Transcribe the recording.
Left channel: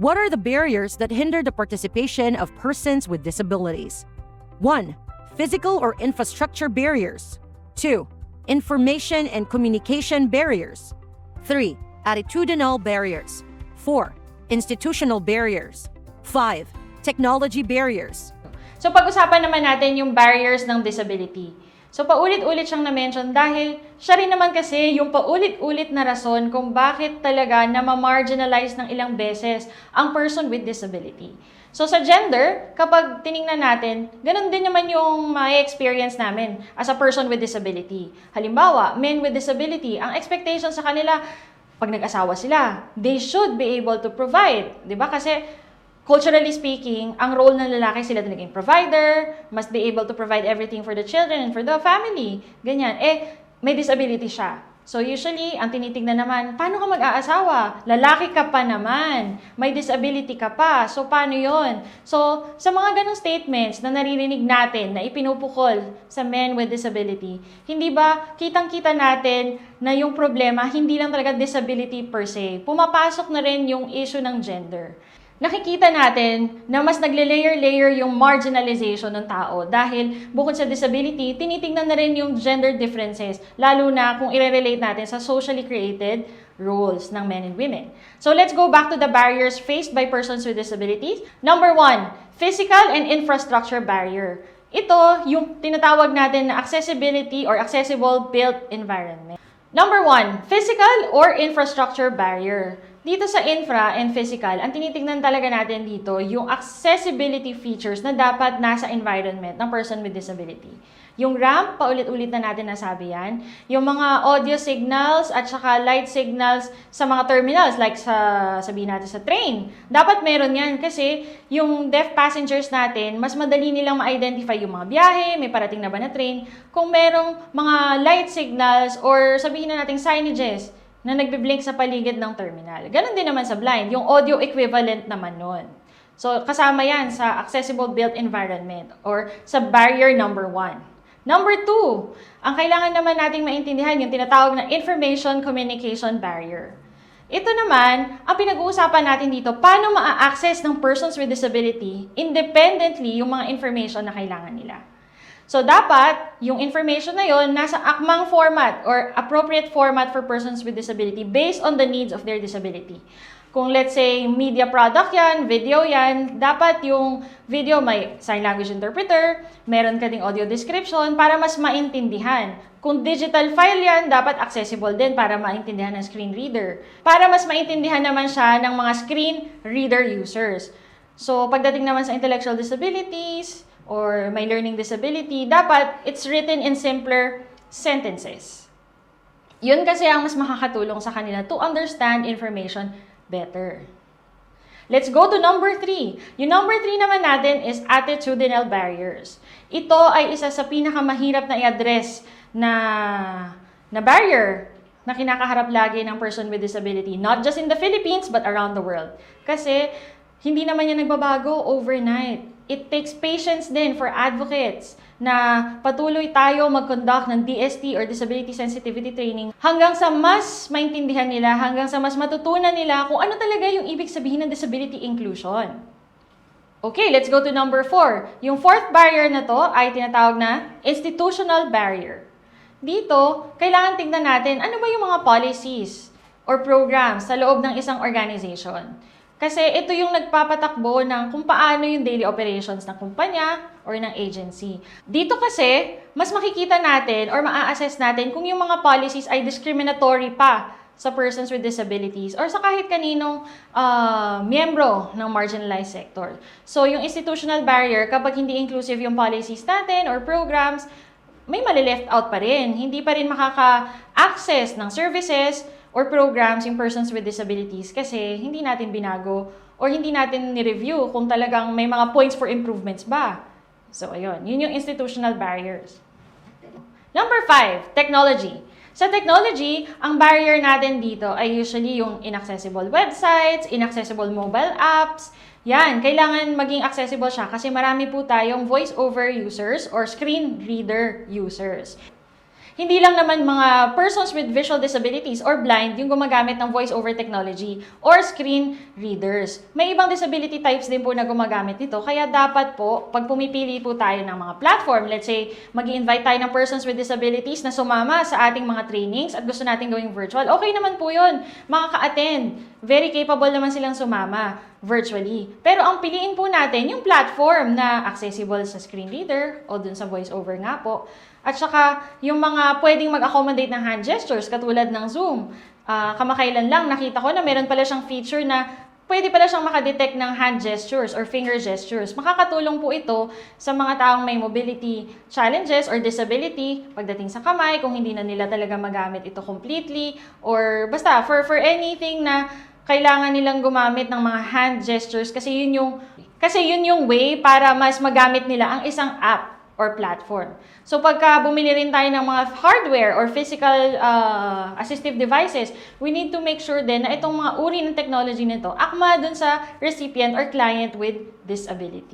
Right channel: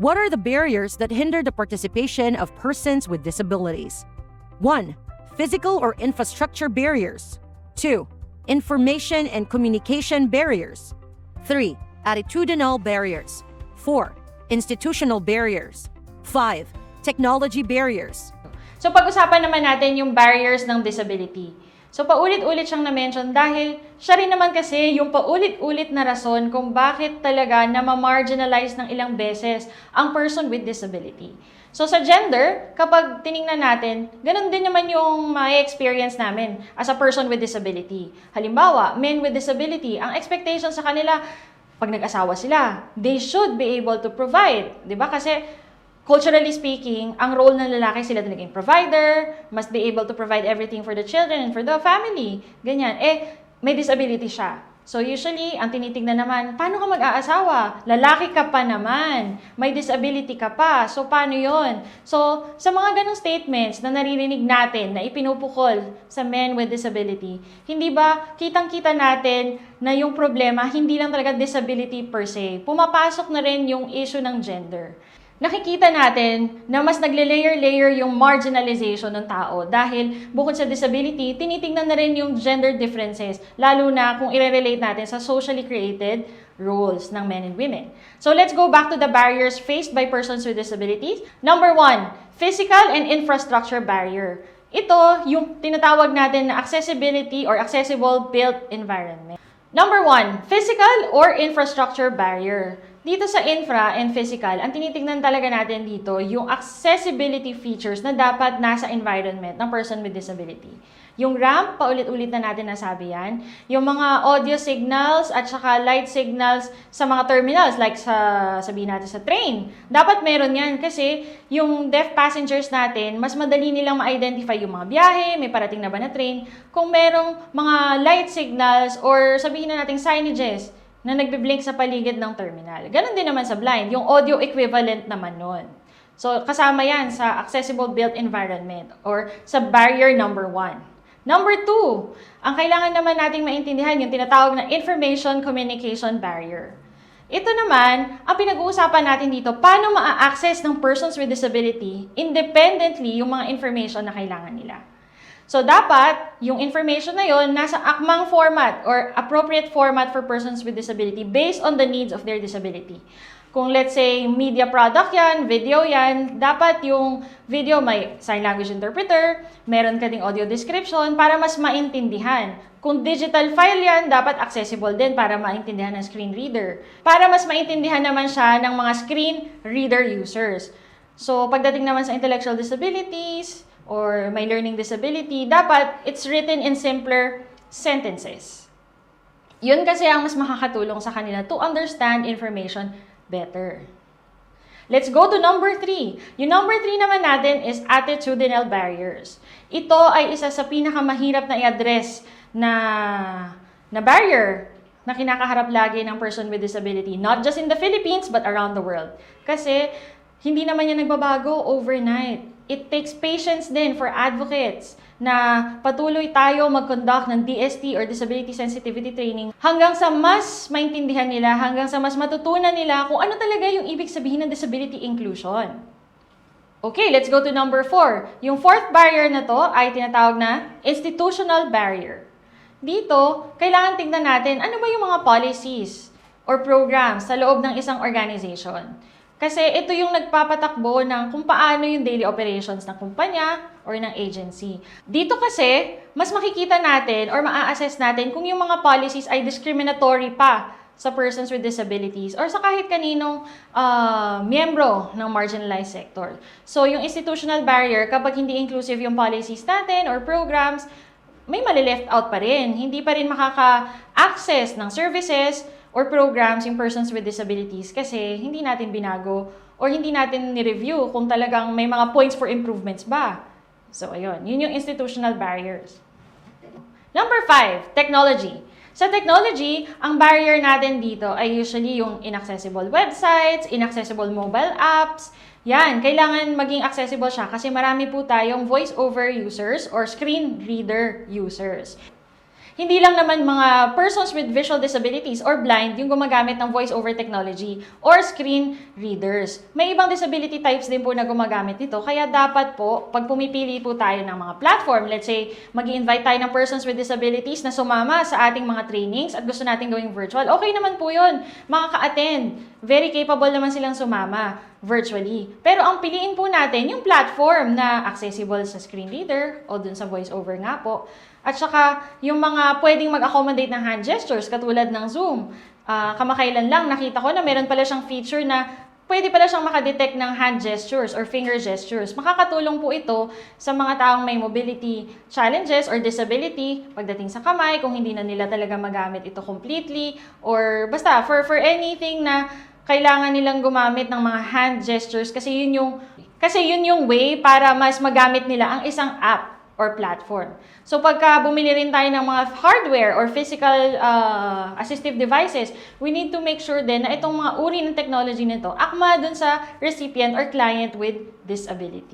What are the barriers that hinder the participation of persons with disabilities? 1. Physical or infrastructure barriers. 2. Information and communication barriers. 3. Attitudinal barriers. 4. Institutional barriers. 5. Technology barriers. So pag-usapan naman natin yung barriers ng disability. So paulit-ulit siyang na-mention dahil siya rin naman kasi yung paulit-ulit na rason kung bakit talaga na ma-marginalize ng ilang beses ang person with disability. So sa gender, kapag tiningnan natin, ganun din naman yung may experience namin as a person with disability. Halimbawa, men with disability, ang expectation sa kanila, pag nag-asawa sila, they should be able to provide. Diba? Kasi culturally speaking, ang role ng lalaki sila talagang provider, must be able to provide everything for the children and for the family. Ganyan. May disability siya. So usually, ang tinitingnan naman, paano ka mag-aasawa? Lalaki ka pa naman. May disability ka pa. So paano yon? So sa mga ganong statements na naririnig natin na ipinupukol sa men with disability, hindi ba kitang-kita natin na yung problema hindi lang talaga disability per se. Pumapasok na rin yung issue ng gender. Nakikita natin na mas nagle-layer-layer yung marginalization ng tao dahil bukod sa disability, tinitingnan na rin yung gender differences, lalo na kung i-relate natin sa socially created roles ng men and women. So let's go back to the barriers faced by persons with disabilities. Number 1, physical and infrastructure barrier. Ito yung tinatawag natin na accessibility or accessible built environment. Number 1, physical or infrastructure barrier. Dito sa infra and physical, ang tinitingnan talaga natin dito, yung accessibility features na dapat nasa environment ng person with disability. Yung ramp, paulit-ulit na natin nasabi yan. Yung mga audio signals at saka light signals sa mga terminals, like sabihin natin sa train. Dapat meron yan kasi yung deaf passengers natin, mas madali nilang ma-identify yung mga biyahe, may parating na ba na train, kung merong mga light signals or sabihin na natin signages na nagbiblink sa paligid ng terminal. Ganon din naman sa blind, yung audio equivalent naman nun. So, kasama yan sa accessible built environment or sa barrier number 1. Number 2, ang kailangan naman nating maintindihan yung tinatawag na information communication barrier. Ito naman, ang pinag-uusapan natin dito, paano ma-access ng persons with disability independently yung mga information na kailangan nila. So, dapat, yung information na yon nasa akmang format or appropriate format for persons with disability based on the needs of their disability. Kung let's say, media product yan, video yan, dapat yung video may sign language interpreter, meron ka ding audio description para mas maintindihan. Kung digital file yan, dapat accessible din para maintindihan ng screen reader. Para mas maintindihan naman siya ng mga screen reader users. So, pagdating naman sa intellectual disabilities, or may learning disability, dapat it's written in simpler sentences. Yun kasi ang mas makakatulong sa kanila to understand information better. Let's go to number 3. Yung number 3 naman natin is attitudinal barriers. Ito ay isa sa pinakamahirap na i-address na barrier na kinakaharap lagi ng person with disability. Not just in the Philippines, but around the world. Kasi hindi naman yan nagbabago overnight. It takes patience din for advocates na patuloy tayo mag-conduct ng DST or Disability Sensitivity Training hanggang sa mas maintindihan nila, hanggang sa mas matutunan nila kung ano talaga yung ibig sabihin ng disability inclusion. Okay, let's go to number 4. Yung fourth barrier na to ay tinatawag na institutional barrier. Dito, kailangan tingnan natin ano ba yung mga policies or programs sa loob ng isang organization. Kasi ito yung nagpapatakbo ng kung paano yung daily operations ng kumpanya or ng agency. Dito kasi, mas makikita natin or ma-assess natin kung yung mga policies ay discriminatory pa sa persons with disabilities or sa kahit kaninong miyembro ng marginalized sector. So, yung institutional barrier, kapag hindi inclusive yung policies natin or programs, may mali-left out pa rin. Hindi pa rin makaka-access ng services or programs in persons with disabilities kasi hindi natin binago or hindi natin ni-review kung talagang may mga points for improvements ba. So, ayun. Yun yung institutional barriers. Number 5, technology. Sa technology, ang barrier natin dito ay usually yung inaccessible websites, inaccessible mobile apps. Yan, kailangan maging accessible siya kasi marami po tayong voice-over users or screen reader users. hindi lang naman mga persons with visual disabilities or blind yung gumagamit ng voice-over technology or screen readers. May ibang disability types din po na gumagamit nito, kaya dapat po, pag pumipili po tayo ng mga platform, let's say, mag-i-invite tayo ng persons with disabilities na sumama sa ating mga trainings at gusto natin gawing virtual, okay naman po yun, makaka-attend. Very capable naman silang sumama virtually. Pero ang piliin po natin yung platform na accessible sa screen reader o dun sa voice-over nga po. At saka, yung mga pwedeng mag-accommodate ng hand gestures, katulad ng Zoom. Kamakailan lang, nakita ko na meron pala siyang feature na pwede pala siyang makadetect ng hand gestures or finger gestures. Makakatulong po ito sa mga taong may mobility challenges or disability pagdating sa kamay, kung hindi na nila talaga magamit ito completely, or basta for anything na kailangan nilang gumamit ng mga hand gestures kasi yun yung way para mas magamit nila ang isang app or platform. So pagka bumili rin tayo ng mga hardware or physical assistive devices, we need to make sure din na itong mga uri ng technology nito akma dun sa recipient or client with disability.